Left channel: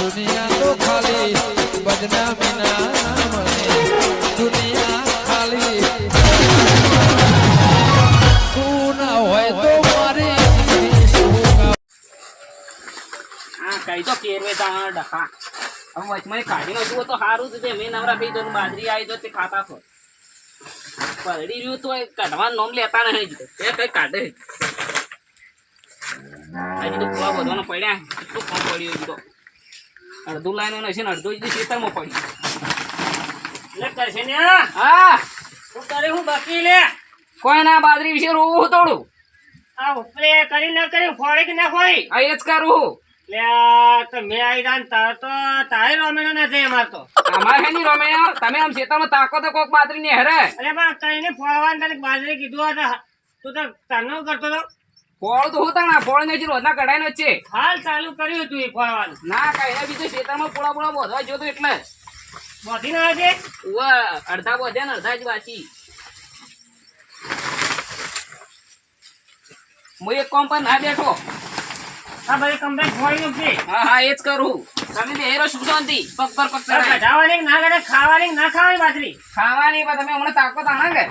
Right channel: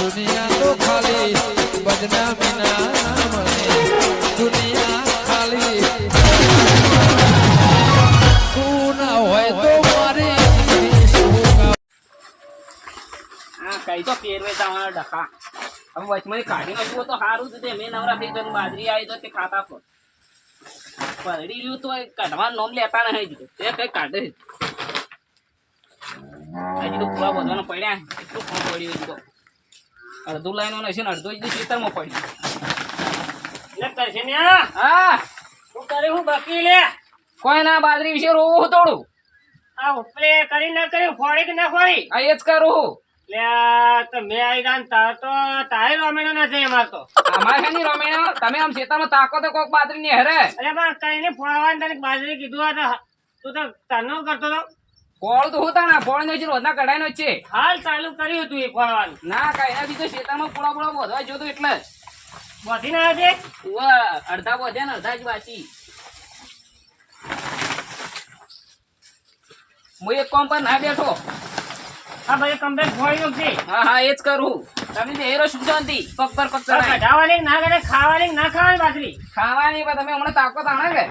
દુનિયા તો ખાલી બદનામી ના નામને દુનિયા ખાલી તું ના હોય તો મારી કઈ તો કેરવે તમારા ડખા હવે વચમાં કાઢી નાખ્યું તો સારું જ મેં નવરા થઈ જતું બાજરી આવી તો તે ખાતા છો પડી રહ્યું તો કાઢવાનું નોમ લેતા નહીં જ એ કઈ કાઢે હજી તો પૂરા બધવાનો પડ્યા એટલું ફોન પડ્યું હજી તો અડધું લાઈન હશે ને અડધું જ ખેતરમાં પડ્યું લે કરશે ને હા શું કરે હું બાકી લે કોઈ ના બાજરી વિશે રોવું થોડું આ ઉપરે કરી ન કરી ફોડી કે ના ફોડી આ એ જ કરું તો મેં આવી જાન તો તારે રોમેણો ના જાય અમાર તો અમારે નહીં રોમેણો તમે આમ ખેતરમાં તાકો તો કોક બાજરી ને હરે અરે બા કઈને ફોડવાનું તને બાજરી કીધું હતા તું તો તનો કરતો તો ફોડ તો હું તને ફોડ ને રોજના કઢાઈ નો છે હાલ ચાલુ કર્યું તું એ ફોડવાનું ના કઈ ના બીજું ખેતરમાં પોળા પોળા બોધવા જોતું એટલે બોધી ના છે અડધા બોધ્યા ને અડધા જ બાકી હું એક કોમ પર ના બેઠો હા ભાઈ કમ્પ્લેટ ફોડી છે હા હા એ જ કરું તમે બેરો શું શાંતિ પગ પર પગ ચડાય કઢાવાની ના કરે ખાવાની ના ખાવાની બાજરી ખાવાની પણ તમે હમણાં તાકો તાણા કે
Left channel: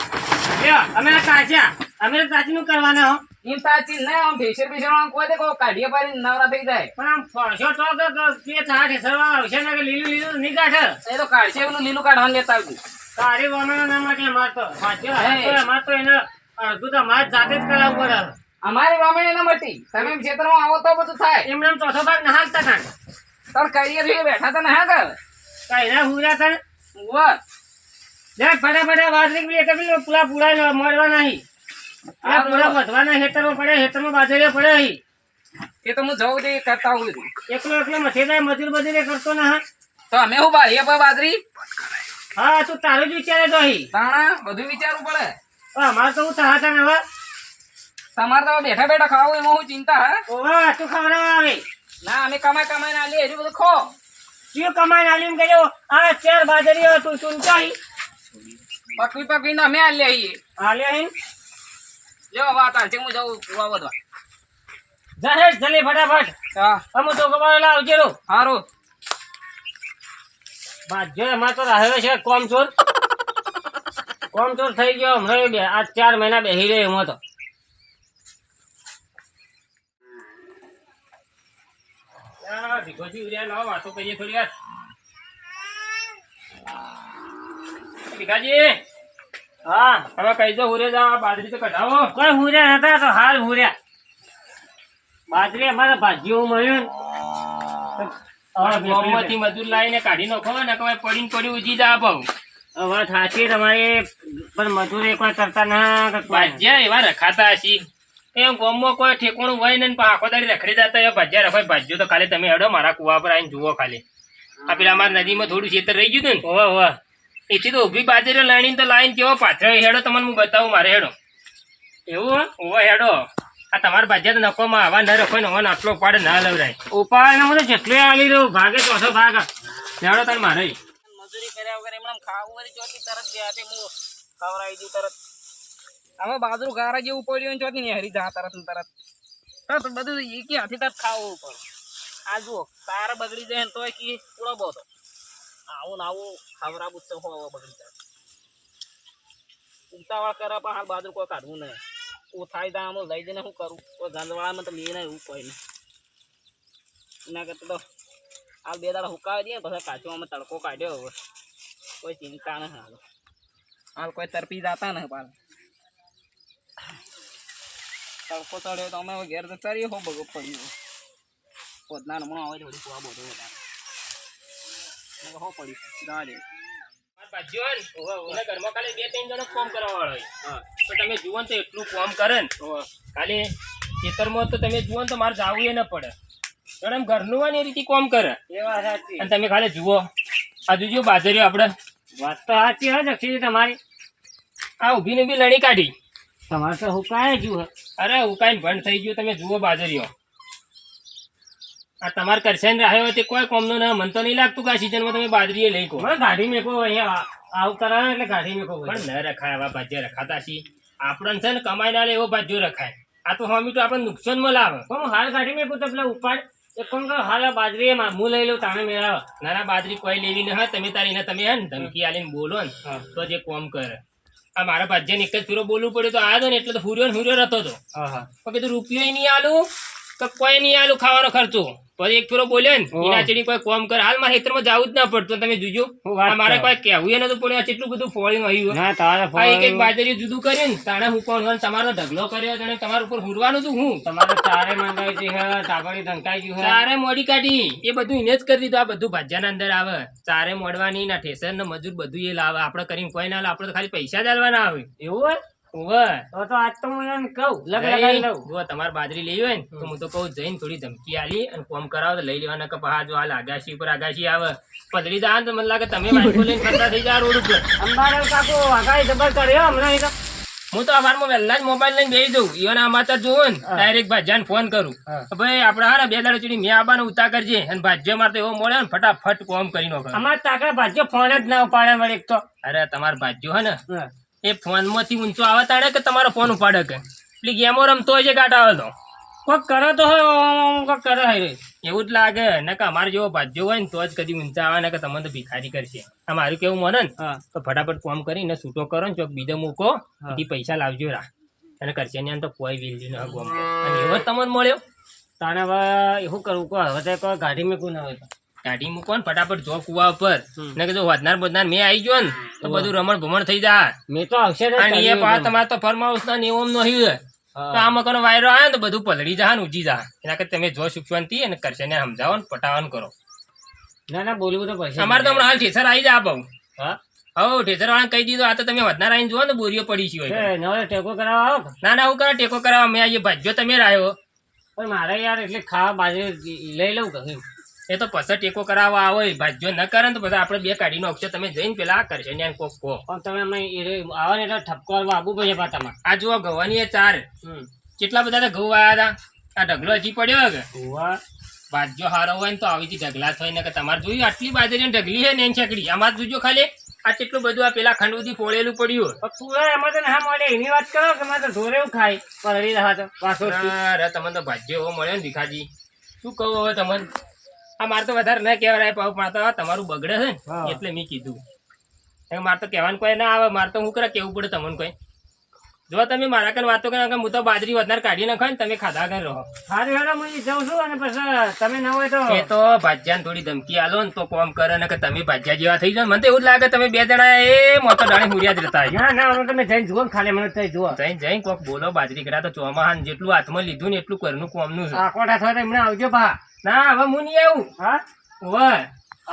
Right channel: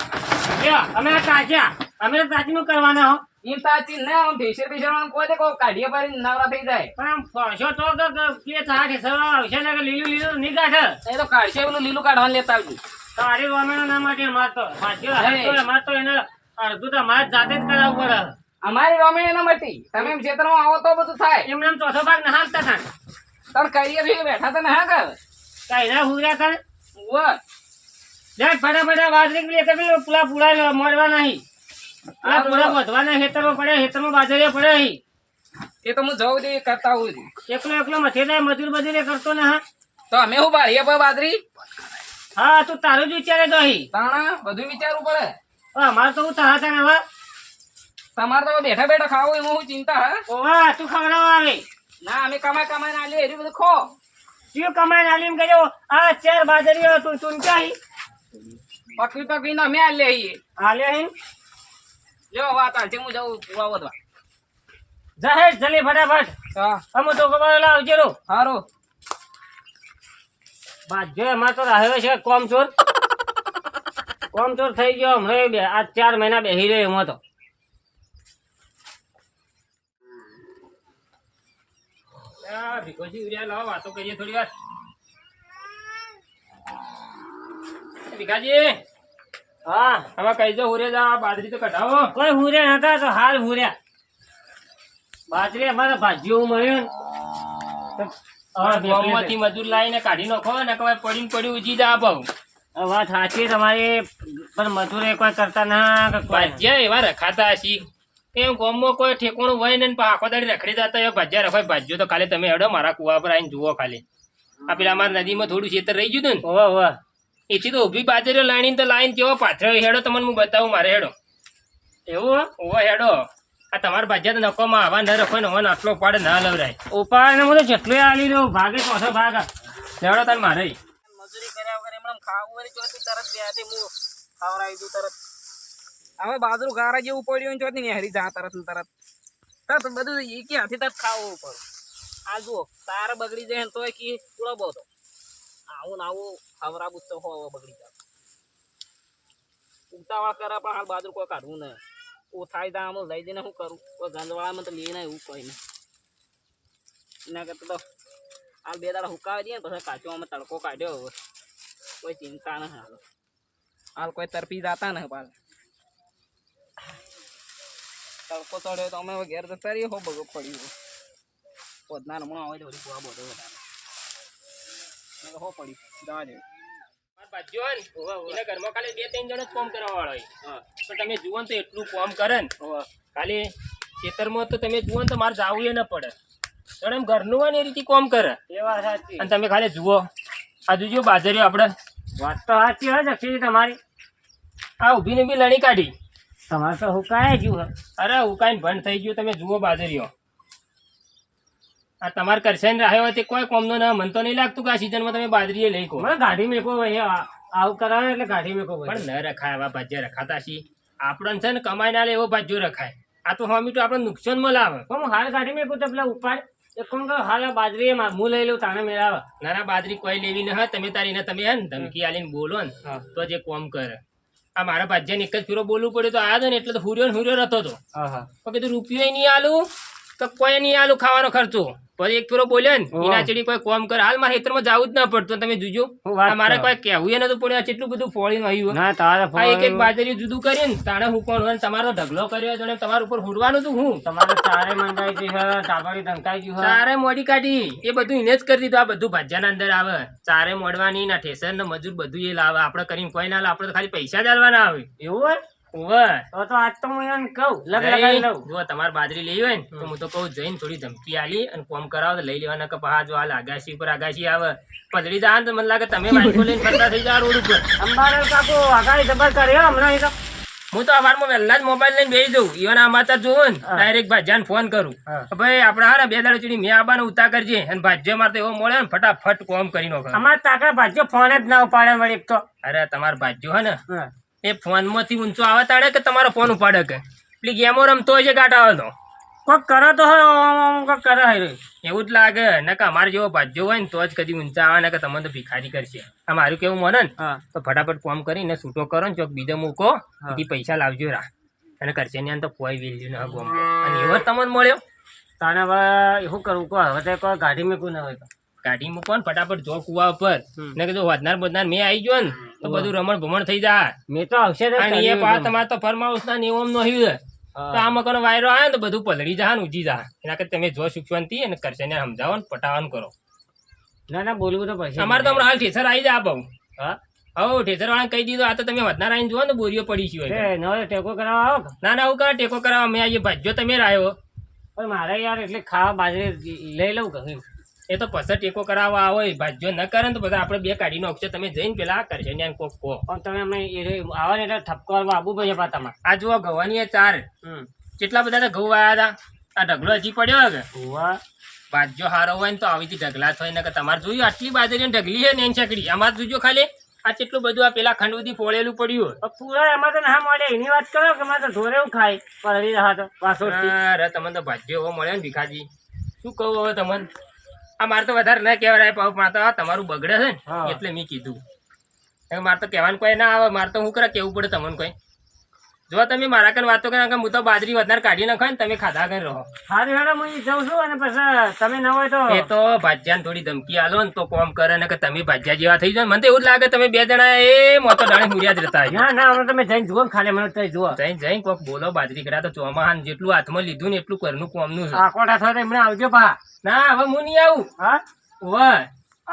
લ્યો અમે તાજ્યા અમે તાજનું કરવાના હો એમ તાજી ને આમ ભેસર ભેસર કોઈ દે કો કાઢીએ પારી નવરા થઈ જાય પણ આમ ફોશો તો કે તાઠે સરવા આવશે ને કે લીલું લીલું ની કાઢે એ તો કાઢશે પેલું લીલું કાઢવાનું લેતા આવજો તારી વામેનો ના માટે મારતો સાચો મારતો એને અડધું તો મારે જાતે જ કરાવવું પડે અમારી રોમેણી ના મટી તમે ખેતરમાં આવો તો બધું થાય એમને ચોથો ભાગ ના હાલતા હતા તાર કરિયર છે બેઠા તો ના કર કઈ ના હુરા તને લે ફટાફટ બાજરી કે એટલે પૂરા પૂરા મળવા નહીં આ પૂરા વધવાના ખેતરમાં પડે ખેતરમાં બાજરી પડે અહીં એ તો હું જવું દે કરતા હું એકલો એકલો મથે જાય મજૂર બજૂરી કરતો ના તો અમે હું બારીએ પર બાજરી હા તું તારું જ વિચારે તો અહીં તાણા બધું વિચારવું પડે અમારે તો હું તારા તને હવે તમારે તો બેઠા બેઠા ખાવું એમાં હું ચિંતા હે ઓવા તું ખવડાવવા આવે ના અમે કમાઈ કમાઈ ના લે એટલું બધું ખો શું કમાઈ ના લીમ કર્યો આ ચાર બાજરીઓ તું ચૂંચાઈ પકવી પકવી ના અમે આલે આઈએ આલે આઈન લેવો વાત આ હું જાઉં પૂરા વધવા જાહેર જલ્દી ફટાફટ હા અમુ તો કમાઈ લાવજે રો હારું બાજે અમાર તો રહ્યો છે કોમચોર થઈ ગયો હમણાં આ 4 મહિના બેહી રહ્યો એમાં તો ભીખોજી ઉર્યા લાવો વાતો કરીએ થોડી વાર ભીખાજી હા હવે કઈ જો હુરે જા બાજરી તો કઢાવો કોઈ હુરે હતા તો હાલ હુર્યા બાજરી અમારે ભાજીઓ મળ્યું ગોમમાંથી મજૂર લાવીને કાઢી નાખો ને કે પડીને પડી ઉજી જા ભાવ વાત સાચી તમારી પણ મજૂર કોઈ કરતા ના ભાજ્યા એવા રખાતા હશી એમ ગોમમાં કોઈ ઠેકોણું હોય ને આખો દાડી રખડી જતા એ ભાજ્યા રખાય ભાજ્યો તો ખાલી તમે હેડો મારા કુવા પર આવીને જુઓ ખાલી આ પેલા અમારા નદીમાં થોડું ખેતર રહી ગયું ને ઓવા એથી તો ઉભી બાજરી લાઈન તો લાઈન કેવો પાછળ હેડો તમને હું બતાવું મારે હેડો એવું ઓવા હેડો આ તમારા ભાજ્યા તો નકોમાં આવા ન રખો ને હવે આટલો ઉપાડે ના લવરાય ઉપાડે મને જેટલું આલી દઉં ભાગે ચોથો ભાગ હેડો તને મારે મજૂરી કર્યા વગર એમને ખાવું વળી ચોથી તરત બે હાથે હું ખવડાવી દઉં તરત અમે બાજરું ગારા જેવું પડ્યું ને ચોથી ને હરી જા તરત બધું એકી હાથે તરત ખાવું પડે આ જુઓ તાર બગડી જાય ને તોય કી પૂરો બોતો આવું ને આવું ખવડાવું તો હો બગડી જાય ઉતાવળ કરે પણ હાલ બાજરું કોઈ કાઢવું નહીં ઓ થાય તા આમ લઈ જઈને શું કરું કોઈ ગંદવાળામાં તો લઈને એવું કોઈ નહીં એના કરતા તો હાલ 2 દાડા હુકાવી દઈએ પછી કાચો અમે તડકો કાઢ્યો હવે કોઈ ચિંતા નહીં હાલ કોઈ તરપી જતા ને પાલ તડકો ચડ્યો તો અમે ઘેર તો તરીએ હો બગો પડ્યું પોદના હમણાં આવે થોડી કુવા બધો વધારે હો પડી જવા દે ઘરમાં ખાલી 2-3 જણો કામ કરવા વાળો તો તમે જુઓ તો એટલું કામ કરે ને ખાલી ખેતરમાં તો તમે જુઓ તો મારે જવું એ ન પડે એમ ઘરનું હોય ને એ રીતે કામ કરે અને તમે ખાલી જુઓ આ જોજો બાજરીઓ આપણે વાત તો સાચી હોય છે તમારી આ ઊભીને બી લણી કાઢી તમારે તો હુકાય જુઓ અરે હુકાઈને ભંડ થઈ ગયું તમે જુઓ બાજરીઓ આ તમારે કરશે ને રહ્યો હોય તે કોઈ કોમનો ના મન તો નહીં લાગતું કે આ સિઝનમાં તમે બાજરીએ લઈ કહો ગાડી મેકો અહીંયા આવું કરાવે એટલે ગાડી મેકો પણ ન રખાય આવા ભાજ્ય રખાતા છીએ આપણને છે ને કમાઈ ના લે એવો ભાજ્યો રખાય આ તો હમી તો આપણે નુકસાનમાં લાવે પણ હાલ ગાડી મેકો તો પેલા ઉપાડ એ કોણ કહો હાલ બાજરી હું લઈ લઉં તાણે મેળાવે. ના ના બાજરી કોઈ લેવી ન હોય તમે તારી ને તમે હે ને ધમકી આલીને બોલો ને હા. તો જે કોમ કરે આ મારા ભાજ્યાને એક જ ફેરો બોલવું પડ્યું તો આ ને એટલે તો હુર્યો ને હુર્યો રહેતો હતો હા તો કીધું રૂપિયો નહીં આલું તો કોઈ નહીં આલું ખાવાનો ખર્ચો પછી એક ફેરો બોલ્યો ને ઓહો. એના ચડી કોઈ કોમ કરે હાલ મારા ખેતરમાં જવું જ ના પડતું તમે જોજો હું વાત આ મારે કરું. કોઈ કહેવું ય નતું પડ્યું આ કેટલું બધું ફોળીને આવ્યું ના તારે આ એક એક બાજરી જુદું કર્યું ને તાણે હું કોણ હોય ને તમારો ઢગલો કર્યો અને તમારા ઉપર હુરવાનું હતું હું તમારે ચારે મંગાઈ ગઈ છે તાગડી ધમકાઈ ગયું છે. ચારે મોડી કાઢી એ બધું એને જ કરી દીધું આ બધું ભાજ્યાના અંદર આવે ચારે મોડવાની ના ઠેસર ને મજૂર બધું એ લાવે આપણે કરીને કોઈ ના લાવે આપણે તો ખાલી પૈસા જ આલવાના આવે એવું હોય ઓવે તો આજ તો હું એને કહું લગાવી લઉં. જો તમારે બાજરી લેવી હોય ને તો હું તો કહું જઈને થોડી ધમકી આલી અને કોમ કરાવો તો લઈ લેવાના કે પહા જો હાલ આગાશી ઉપર આગાશી આવે પધરી દા તો મને લાગે તમે બાઈકો લઈને ફરતા થઈ જાય રોડ ઉપર અંબાડે કાકો આગાહી જબર કર્યો હમણાં એ તો. હું તો અવારમાં વહેલા જ મોબાઈલ લઈને બેસી દઉં ઈવન આ માતા જોઉં ને હા. ડાયરેક્ટ ભાજ્યાને ફોન કરું હા. કે ભાઈ આપણે હા ને 2 દાડા ચડી મેં આબાનો ઉતા કરજે અને ભાજ્યો મારે તો એવો મળે ને ફટાફટ કોમ કરી નાખે અમારે તાકડા ભાજ્યો ફોન જ ના ઉપાડે વળી એક તો. અરે તમારો ભાજ્યો હે ને હા. એ ફોન માંથી ઊંચો આવે તાણે કે તમારો ફોન ઉપાડે કે પેલી ગેમો રમતો હોય છે ગાટા આવે તો કોક કરે તો હોય કોક કરે હોય. એવું જ લાગે ને કે અમારે જેવો ભાજ્યો હોય ને તો જ કદી ઊંચા આવે ને કે તમને તો ભિખારી કરશે આ મારું કેવું મને ને હા તો ફટાફટ કોમ કરીને છૂટો કરો ને ચોક બીજો મૂકો હા. એથી પૈસા લાવજો રા અને કરશે ને તો કોઈ વેલ્યુ ના ગોમ અને એવો જ તમને મળ્યો તાણે હવે શું કરવું કહો હવે તો કોઈ ગાડી મૂકવું ના હોય તો. કાઢી મૂકો ને ફટાફટ જો કુવા ઉપર હમ. ને કે જો વધનાર બધનાર મેં આવી ગયો ને તો વાહ. બધું રમણ ભમણ થઈ જાય મેં તો આવશે ને અને એ કર્યું પાછ એમ. તમારે તો ફરમાઉસ ના નિયમ નો હ્યું હા. તો આ મકાનો વાયરો આવે ને તો બધું પલળી જાય ને ઉજી જાય એના કરતા તમે જો સુખ શાંતિ અને કરશે ને સમજાવો ને પટાવાનું કરો ના ના બોલવું તો પડશે. અમારે તો હમણાં હાલ ઠેસર આવી જાય બહુ હા હવ ઠેસર વાળા કહી દીધું આ તો તમે વધનાર આવીને જુઓ ને બોરીઓ પડી છે હોય એ નવો ટેકો કરાવવા આવો કે? ના ના હું કરે ટેકો કરાવવા મેં આવીએ ભાજ્યો તમે રાયો પણ મારે યાર એટલે ખાવા બાજરી લઈ લઉં કહ્યું. એ તો પછી ટેકો કરાવવા આવો ભાજ્યો ન કરે ને તો બધા આપણે બે કાઢી નાખશો તમે જઈને પેલા કરશે ને કોક કહો પણ તમે અમે આવે ને એટલે ઠપકો કરવા આવવું પડશે પા તમારે. આ જુઓ ગવાની એ 4 હમ કેટલા બધા તો ઘઉં આવ્યા હતા આ ઢગલો હજી પડ્યો કે ઉવા. ભાજ્યો હારો હોય ને તો આવી રીતે ઢગલા થાય ને કે તમારે જોયું આટલી બાજરી ઢગલી છે ને એની ચકડી આમાં જ જોજો ખાલી આ કેટલું બધું આ પેલા ખંડ સુધી ફોડેલું પડ્યું પણ પૂરા એમાં તો ના મળે એની વાત કરો કે મારે તો ઢોરે એવું ખાય પલળી રહ્યા તો વાસોથી. અરે તમને તો ભાજ્યો એવો મળ્યો ને ભીખાજી શું કહું હવે તમને આ મારે તો વધારે ન કહેવાય પાઉ મારે તો આ તમારું બગડે છે હા. ને એટલે મેં કીધું હવે મારે તો કહેવાનું કોઈ ના આવે મારે તો શું કરે કેવું પડે તમને કોઈ જો તમે મારા કન વાતો કરે હું તો બાજરી વધારે કાઢી નાખો ને તમે ખાધા કર રહો હારી હેડો હું જાઉં છું અને પછી તમે ન હોય તો એ તો ભાજ્યાને થોડી ધમકી આલો ને તો કોમ કરે ને કે તમે ભાજ્યા જેવા થઈ જાઓ મને તો એવું જ લાગે તમે 2 જણા એ મોટો ડાણે હુરિયા જ રહેતા હોય ના ના હવે તમે જઈને જુઓ ને ખાલી મને તો જુઓ જઈને કોક બોલો બાજરી કરા તો ચોમાહાન જેટલું હાથમાં લીધું ને એટલું ઘરનું કોમનું છે આકોટા થયો તો એમને આવજો પા. ના હવે હું નહીં આવું હા વાહ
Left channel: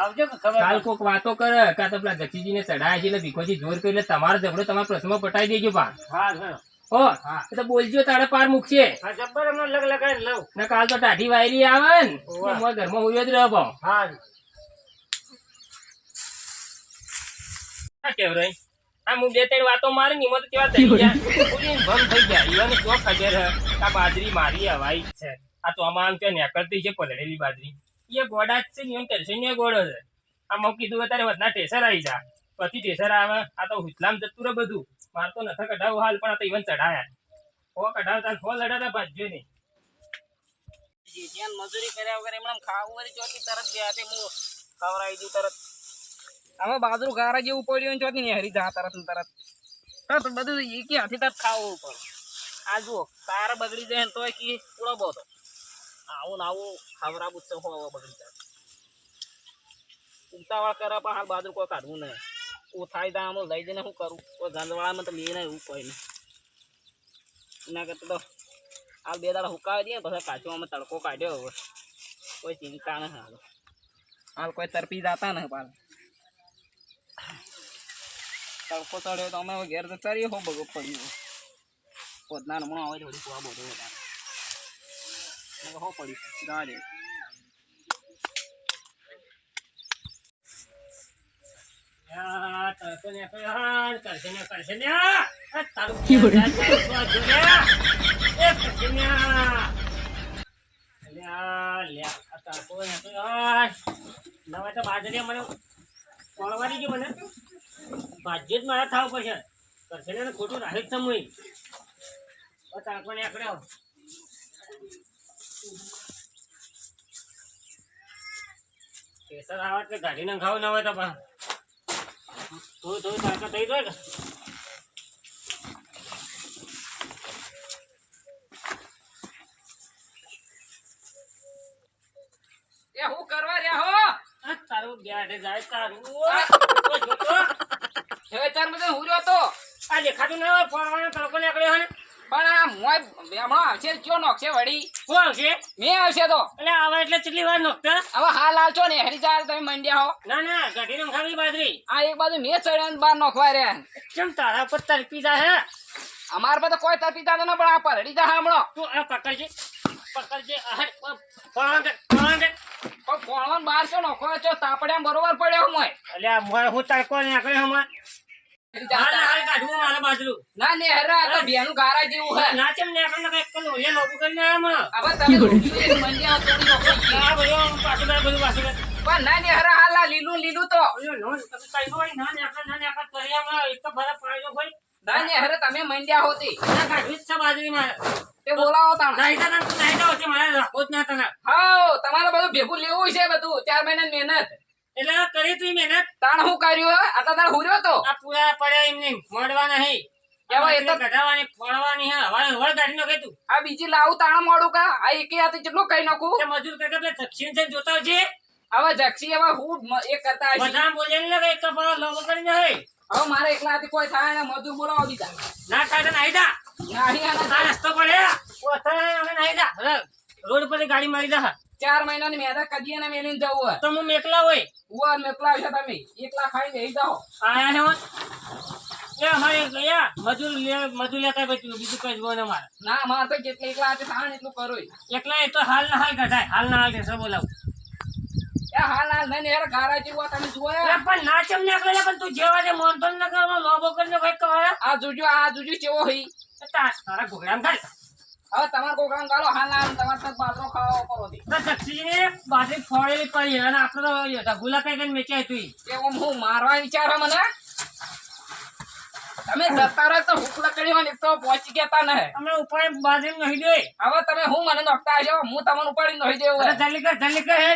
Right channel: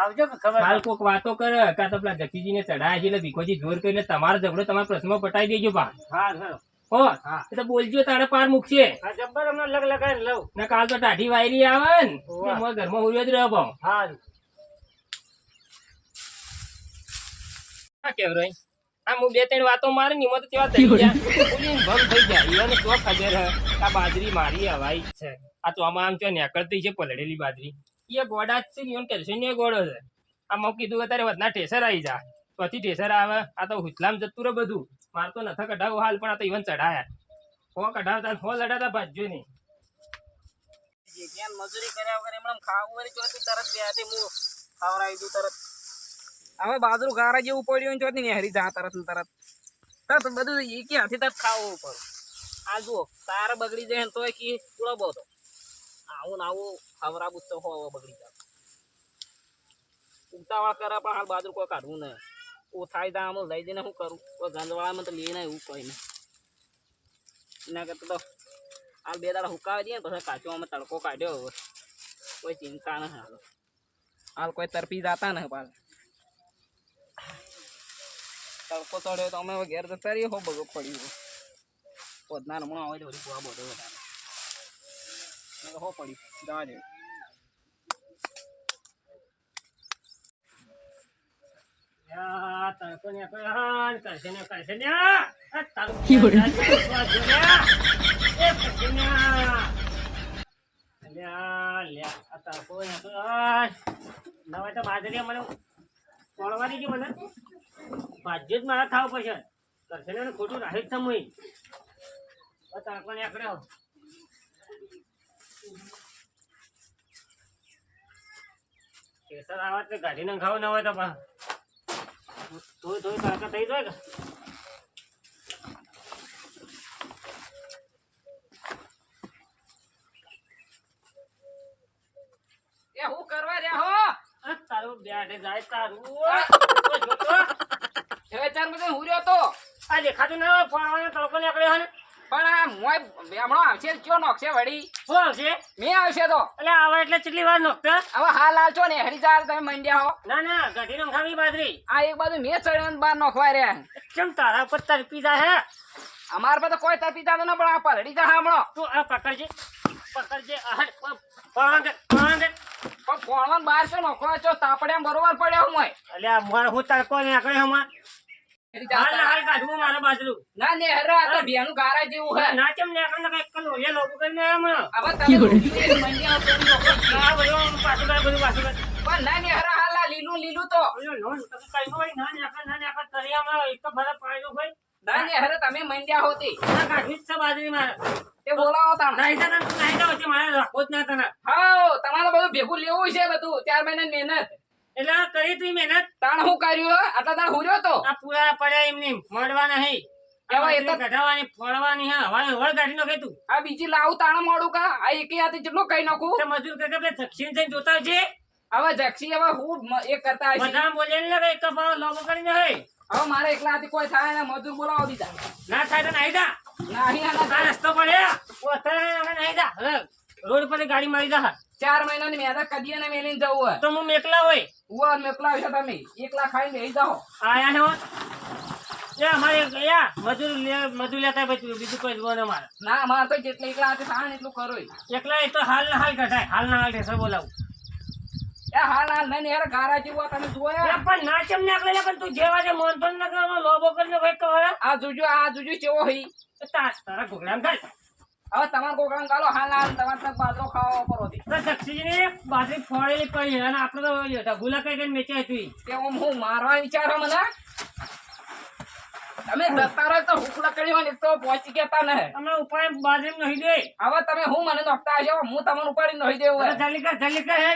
આવજો કે ખબર કાલ કોક વાતો કરે કાં તો પેલા જક્ષીજીને ચડાયા છે એટલે ભીખોજી જોર કરી એટલે તમારો ઝઘડો તમારા પ્રશ્નમાં પટાઈ દેજો પા હા ખરો. હો હા. એ તો બોલજો તારે પાર મૂકશે હા જબ્બર હમણાં લગ લગાઈને લઉં. ને કાલ તો ટાઢી વાયરી આવે ને ઓવા. એમાં ઘરમાં હુર્યો જ રહો ભાવ હા આ કેવ રહી આ હું 2-3 વાતો મારી ને એમાં તો કેવા થઈ ગયા બોલીને ભંગ થઈ ગયા એને શું ખબર હે આ બાજરી મારી હવાઈ જ છે આ તો આમાં આમ છે નેકળતી છે પલળેલી બાજરી એ ગોડા જ છે ને એમ કરશે ને ગોળો છે આ મેં કીધું અત્યારે વધના ઠેસર આવી જા પછી ઠેસર આવે આ તો હુથલામ જતું રહે બધું માર તો નથા કઢાવું હાલ પણ આ તો ઇવન ચઢાયા હો કઢાવતા હો લડાતા ભાજ્યો નહીં મજૂરી કર્યા વગર એમણે ખાવું વળી ચોથી તરત બે હાથે હું ખવડાવી દઉં તરત હવે બાજરું ગારા જેવું પડ્યું ને ચોથી ને હરી જા તરત ને તરત તો બધું એકી હાથે તરત ખાવું પડે આ જુઓ તારે બગડી જાય ને તોય કી પૂળો બોતો આવું ને આવું ખવડાવું તો હો બગડી જાય ઉતાવળ કરે પણ હાલ બાજરું કોઈ કાઢવું નહીં હું થાય તા આમ લઈ જઈને શું કરું કોઈ ગંદવાળામાં તો લે નહીં એવું કોઈ નહીં એના કરતાં તો હાલ 2 દાડા હુકાવી દઈએ પછી કાચો અમે તડકો કાઢ્યો હવે કોઈ ચિંતા નહીં હાલ કોઈ તરપી જતા નહીં પાલ તડકો ચડ્યો તો અમે હવે ઘેર જતા રહીએ હો બગો પડ્યું પોતના હમણાં આવે થોડી કુવા બધો વધારે હો પડ્યું જવા દે યા તડકો નેકળ્યો ને કરશે ને આ તારું એ કરશે ને લ્યા આ તડકો નેકળ્યો નવા તો બાજરી મને કોળવાની ગયું મને ભાજ્ય જ મારા થાવ પડશે કરશે ને ખોટું રાહે જ સમય તાકો ને આકડ્યો કેસર આવે એટલે કાઢીને ખાવું ના હોય તો પણ થોડું થોડું તાકાત થઈ જાય કે એ હું કરવા રહ્યા હો આ તારું બેઠે જાય તારું હવે ચાર મજે હુર્યો તો આ દેખાતું ના હોય ફોડવાનો તડકો નીકળ્યો હોય ને પણ આ મોય બેમણો આવશે કયો નોખશે વળી શું આવશે મે આવશે તો એટલે આવા એટલે કેટલી વાર નોખતા હવે હાલ હાલ છો ને હરી ચાલ તમે મંડ્યા હો ના ના કાઢીને ખાવી બાજરી આ એક બાજુ મે ચડ્યો ને બાર નોખવા રહ્યા કેમ તારા પર તરપી જાય હે અમાર પર તો કોઈ તપી જાતો ન પણ આ પલડી જા હમણો તું આ પકડજે ફોડવાનું પણ ફોણવાન બાર છો નોખવા છો તાપડ્યા બરોબર પડ્યો મોય એટલે આ મોય હું તડકો નીકળ્યો હમણાં હરી જા હાલ હાલ કાઢવું મારે બાજરું ના ને હરા આ તો બેનું ગારા જેવું હે ના ચમ નીકળ ને કઈ કલો એ લોબુ કરીને આવ્યા હમણાં હવે તમે મંડ્યા હો તો નોખો ના ભાઈ હું પાછું બધું પાછું પણ ના ને હરા હાલ આ લીલું લીલું તો લોન તમે કઈ હોય ના નીકળ કરી હમણાં એક તો ભરા પાડ્યો ભાઈ ના ને હરે તમે મંડ્યા હોતી ના કાઢવી જ છે બાજરી મારે તે બોલાવો તાણ નહીં તો મારે રાખો જ ના તને હાઉ તમારે બધું ભેગું લેવું છે બધું 4 મહિનાની મહેનત એટલે કરી તું મહેનત તાણ હું કર્યું હે? આટલા તાણ હુર્યો તો આ પૂરા પડ્યા એમને મળવા નહીં એવા એ તો કઢાવાની ફોડવાની હા હવે કાઢી નાખે તું આ બીજી લાવું તાણ મોડું કા આ એકે હાથે કેટલું કઈ નાખું તે મજૂર કરતા પેલા દક્ષિણ થઈને જોતા છે હવે જક્ષી હવે હું એ કરતા હશે બધા બોલે ને એક કપાળ લોબો કરીને હે હવે મારે એકલા હાથે કોઈ થાય ને મજૂર બોલાવો બીજા ના થાય તો નાઈ દા નહીં આના આ રસ્તો પડે ઓથા હવે નાઈ દા હવે રોડ પર ગાડી મારી દા 4 મહિનાની મહેનત કદીએ ને મેલીને જવું હોય તો હું મેકલા હોય ઉવા મેકલા છે તમે એકલા ખાઈને બેહી જાઓ આયા ને એ અમારે યા મજૂર લેતા બીજું કોઈ જોવાનું અમારે ના મારે તો જેટલે એકલા હાથે થાય ને એટલું કરું એકલા એ તો હાલ ના હાલ કઢાય હાલ ના હાલ ઢેસર બોલાવું એ હાલ હાલ નહીં યાર ગારા જેવું તમે જુઓ એ પણ ના ચમ નીકળે પણ તું જેવા જે મોનતો ન કરવા લોબો કરીને ભાઈ કહે આ જોજો કેવો હઈ તારા ઘોગડામ ખાય હવે તમારે કોકરામ ગાલો હાલ હાલ તમારે તક બાજરો ખાવા પર હતી તો દક્ષિણે બાજરી ફોડેલી પડી અને આપણે તો ગુલા કઈ કઈ વેચાય તું કે હું મારવા વિચારો મને તમે જતા રહો તો હુક લકડી હોય ને એક તો પહોંચી કેતા ન હે અમે ઉપાય બાજરી નહીં દે હવે તમે હું મને નોખતા હશો હું તમને ઉપાડી નહીં દેવું જલ્દી કર હે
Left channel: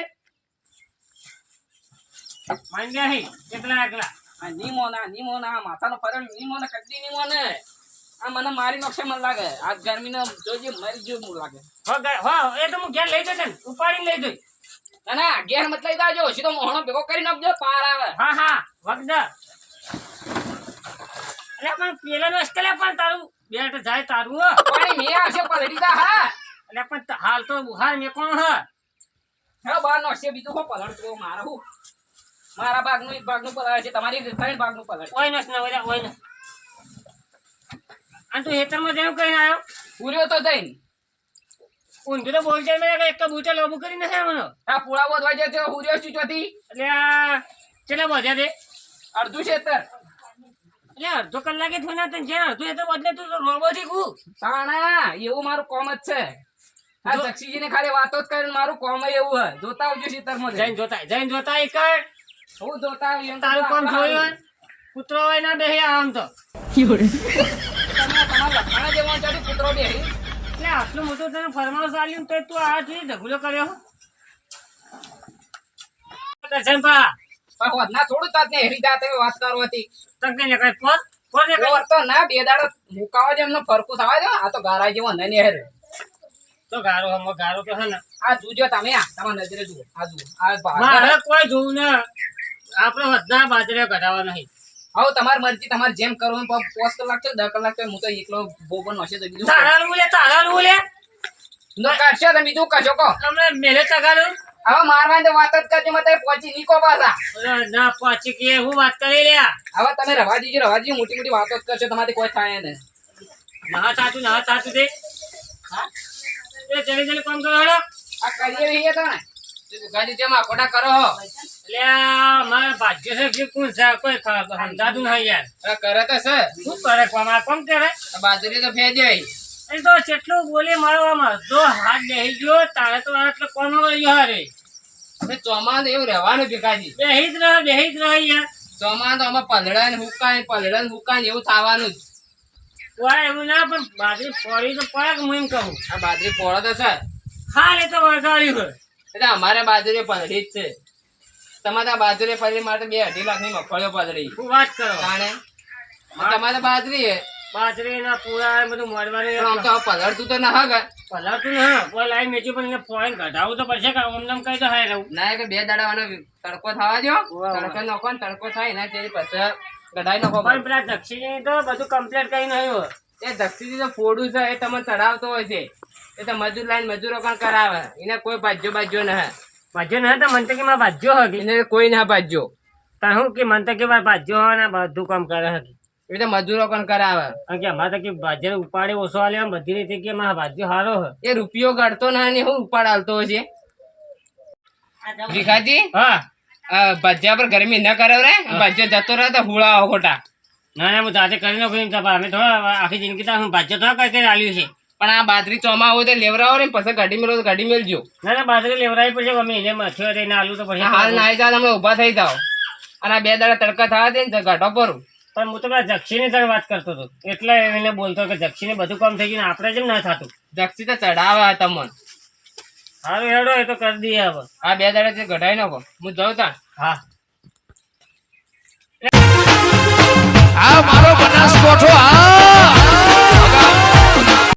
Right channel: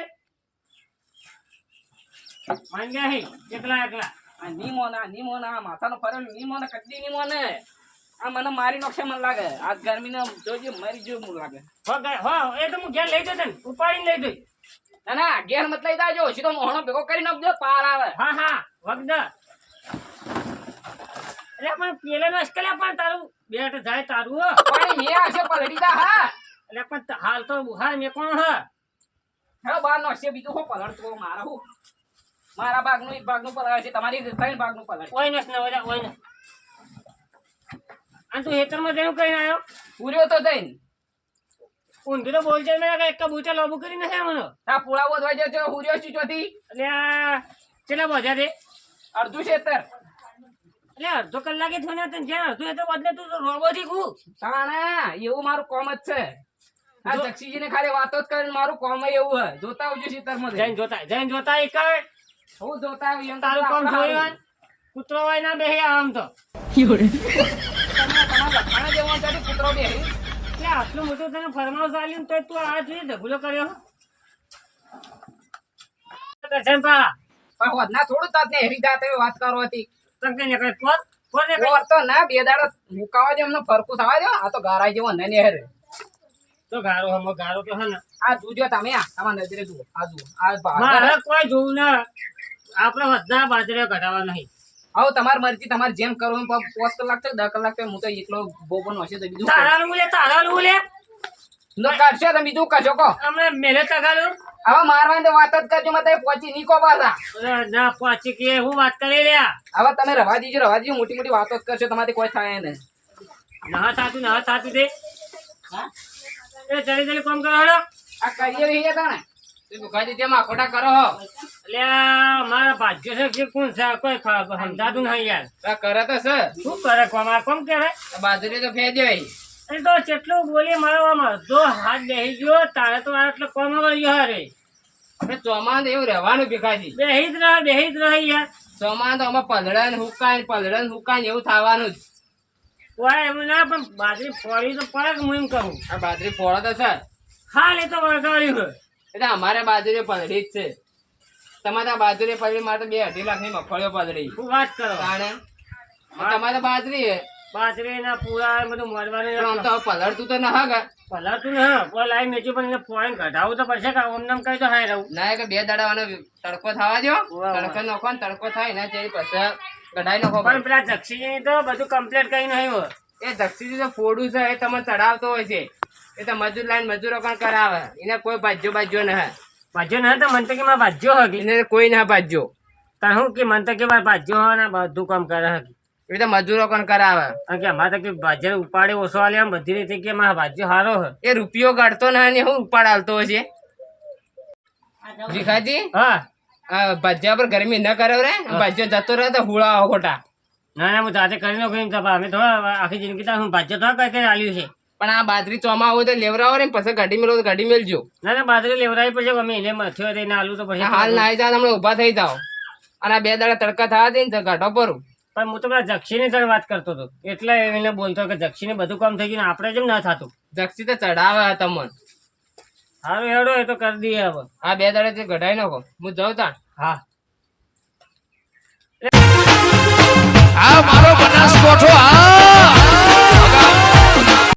માંગ ગયા હે એકલા નીમો ના માથાનો ફરક નીમો ને કદી નીમો ને આ મને મારી નોખશે મને લાગે આ ગરમી નો જોજે મરી જેવું મને લાગે એ તો હું ઘેર લઈ જશે ઉપાડીને લઈ જઈ ના ના ઘેર મત લઈ જાજો સીધો મોહણો ભેગો કરી નાખજો પાર આવે હા વગદ અરે પણ પેલા નસ્કલે પણ તારું બેટ જાય તારું હો પાણી મે આવશે પલડી દા હા એટલે પણ હાલ તો બુહાર મે કોણ હ હા બાર નોખશે બીજું હો પલડતો મારા હું મારા ભાગનું એક ભાગનું પલળ છે તમારી ત્રણ ભાગનું પલળ ઓય નસ ના ઓય ઓય ન અને તું હેતરમાં જેનું કઈ આવ્યો પૂર્યો તો જઈને ઊંધું તો બોલ જાય મેં એક બૂચા લોબુ કરી નાખે મને આ પુળા બોધવા જાય તો હુર્યો છું ચોથી એટલે આ કેટલા વધ્યા તે અડધું ક્ષેત્ર એટલે અડધો કલાકે થયો ને તને જ્યાં અડધું એ તો બદલે તું રોબો થી કુ તાણા એવું મારું કોમ જ છે આ જક્ષીજી ને ખાલી વાતો જ કરીને મારું કોમ એવું હે જોતા આવજો ક્ષેત્રમાં જઈને જોતા એક હું જોતા આવું એમ તારું કામ જોયું કૂતરો હોય ના બેહે આમ તો તમારા લખાણા જેવો છે તો કૂતરો બે એટલે આટલું મોટું તને ફરમાનું ચાલ્યું તો તું આ જોઈએ ઢગલો કર્યો દર્શન પા પણ વધના થોડું તાત ને હેરી જાતે વાત કરો હતી તક ને કઈ પોર ઓર તો ના બે દાડો મુકાવા જે એમનો ફરકું થવા દો આ તો ગારા જેવો ન નેહર તો ગારો તો હે ને આ જોજો તમે આ તમારા નજરે જુઓ આ જુઓ આ મારે કોઈ જોવું ના આપણે બધા બાજરે કઢાવા નહીં આવો તમારી મરજી તમારે જેમ કરવું 5 કલાક છે 10 કલાક છે હું તો એકલો બોબન હશે તો બીજું તારાનું લે નો કાઢશો તો બીજું કશો કો હમણાં મેલે તગાડું હવે મારવાની તો વાત જ કરજો મત પહોંચી નીકો પાછા ના પહોંચી કે હું વાત કરી લે હવે તમે રવા દીજો મોટી મોટી વાતો જ કરશો તમારી કોઈ થાય ને ના થાતું દે હા એ જલ્દી કામ કરો હેડો આ કરીએ રહીએ તા ને તે દુખાજી જેમ આખોટા કરો એટલે મારા ભાગ્ય છે કે કોણ છે કોઈ સમજાતું નહીં યાર આ કરે તો છે શું કરે કોમ કરે બાજરી તો ફેજે એ તો જેટલું બોલે મારો જો હાથ બેહી ગયો તારે તો એટલે કોમ ગયો હારે ચોમાન એવું રહેવાનું ભીખાજી બેહી જ રહે યાર ચોમાન તો અમે પલળન હુકાય એવું થવાનું જ કોઈ એવું ના પણ બાજરી ફોડી તો પડે કે હું એમ કહું આ બાજરી પોળો તો છે ખાલી તો વગાડી હોય એટલે અમારે બાજરી પલળી જ છે તમારા બાજરી ફરી માટે 2.5 લાખની મગફળીઓ પધરી શું વાત કરો તાણે તમારે બાજરી હે બાજરી ના પૂરા એ બધું મળવાનું પણ આમ તો હવે પલળતું તો ના હગા પલાતું ને કોઈ લાઈન મેચી પણ એને પોઈન્ટ ઘટાડવું તો પડશે કે આમ નામ કઈ તો હાય રહું ના કે 2 દાડાવાનો તડકો થવા દો વાહ. તડકો નાખો ને તડકો થાય ને પછી કઢાઈ નાખો પણ પેલા જક્ષીજી તો બધું કમ્પ્લીટ કઈ નહીં હોય એ દક્ષિણ તો ફોડું છે એ તમે ચડાવતો હોય છે એ તો મજૂર લાઈન મજૂરો પણ કરાવે એને કોઈ ભાજ્યો ન હે ભાજ્યો ના તો મને તો કે મારે ભાજ્યો હકી એને કોઈ ના ભાજ્યો તાર હું કે મને તો કે મારે ભાજ્યો હોય ને બધું કામ કરે હકી એ તો મજૂરો પણ કરાવે કારણ કે અમારે તો કે ભાજ્ય ઉપાડે ઓછો આલે આમ બધી રીતે કે મારા ભાજ્યો સારો હે એ રૂપિયો કાઢતો ના ને હું ઉપાડ આવતો હોય છે ભીખાજી હા ભજ્યા પર ગરમી ન કરાવ રે ભજ્યો જતો રહે તો હુળાવો ખોટા ના ના હું જાતે કરી નાખું એમ તો અમે થોડા આખી જિંદગી તો હું ભાજ્ય થોડા કઈ કઈ આલ્યું છે પણ આ બાજરી ચોમા હોય તો લેવરાવો ને પછી ગાડી મેળવો તો ગાડી મેળજો ના ના બાજરી લેવડાવી પડશે અમે એને મથ્યો રહીને આલુ તો પડશે હાલ નાઈ જાવ હમણાં ઉભા થઈ જાઓ અને આ 2 દાડા તડકા થવા દે ને ગાઢો પરું પણ હું તો પેલા જક્ષીની તરફ વાત કરતો હતો એટલે એને બોલતો કે જક્ષીને બધું કામ થઈ ગયું ને આપણે જેમ ના થતું જક્ષી તો ચડાવે તમને સારું હેડો એ તો કરી દઈએ હવે આ 2 દાડા ગઢાઈ નાખો હું જાઉં તા હા